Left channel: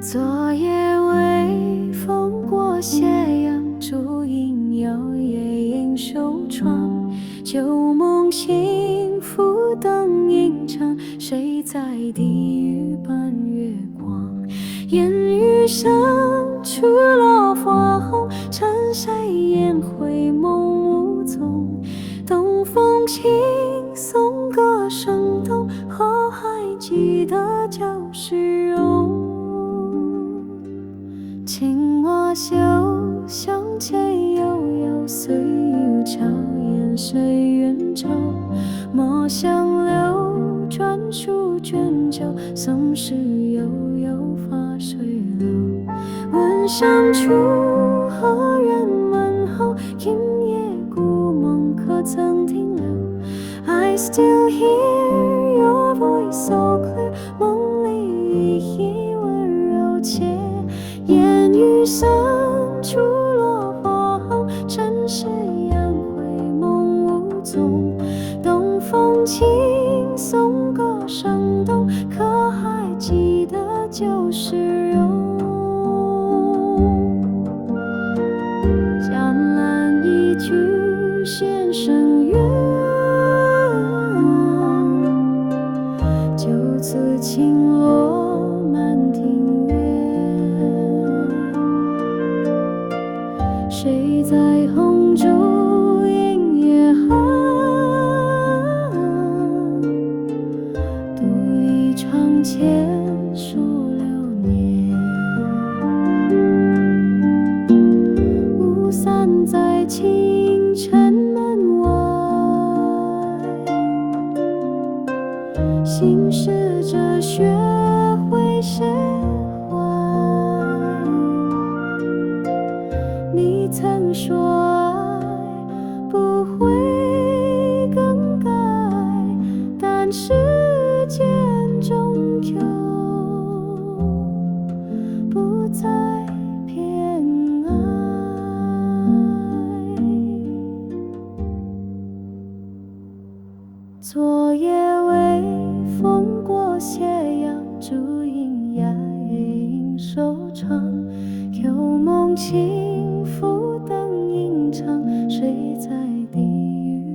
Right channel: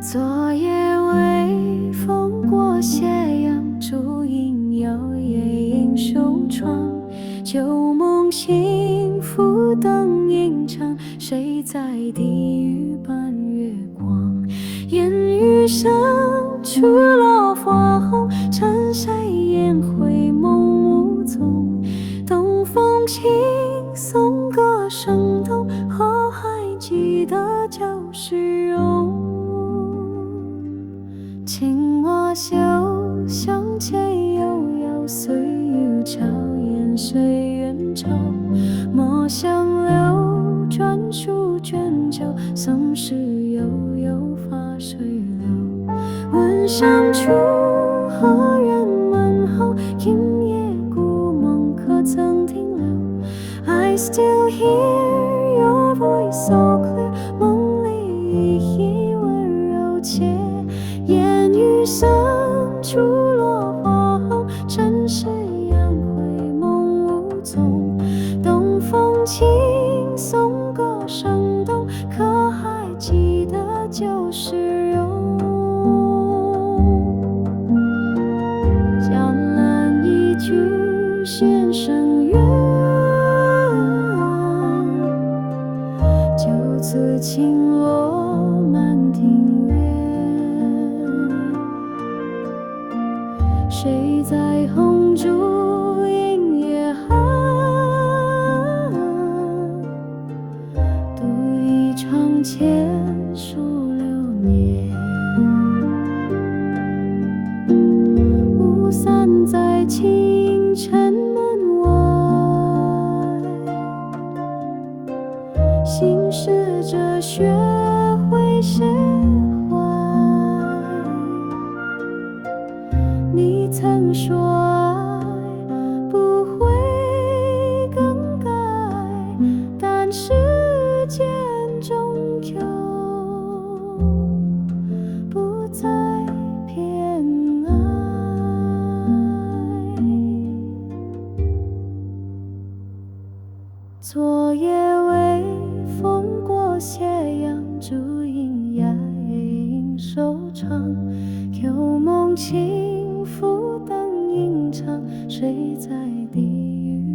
昨夜微风过斜阳，烛影摇曳映手窗。旧梦轻拂灯影长，谁在低语伴月光？烟雨深处落花红，趁谁烟灰梦无踪？东风轻送歌声动，可还记得旧时容？青蛙秀向前悠悠，岁月悄言谁远走？莫相留，专属卷酒，som事悠悠发水流。问上处，何人问候？今夜故梦可曾停留？ I still hear your voice so clear， 梦里依依温柔且烟雨深处落花红，尘世扬灰梦无踪。东风轻送歌声动，可还记得旧时容？江南一曲弦声远，就此轻落满庭院。谁在红烛映夜寒？独倚窗前数流年。雾散在清晨门外，心事着学会释怀。你曾说爱不会更改，但时间终究不再偏爱。昨夜微风过斜阳，烛影摇曳映手窗。旧梦轻拂灯影长，谁在低语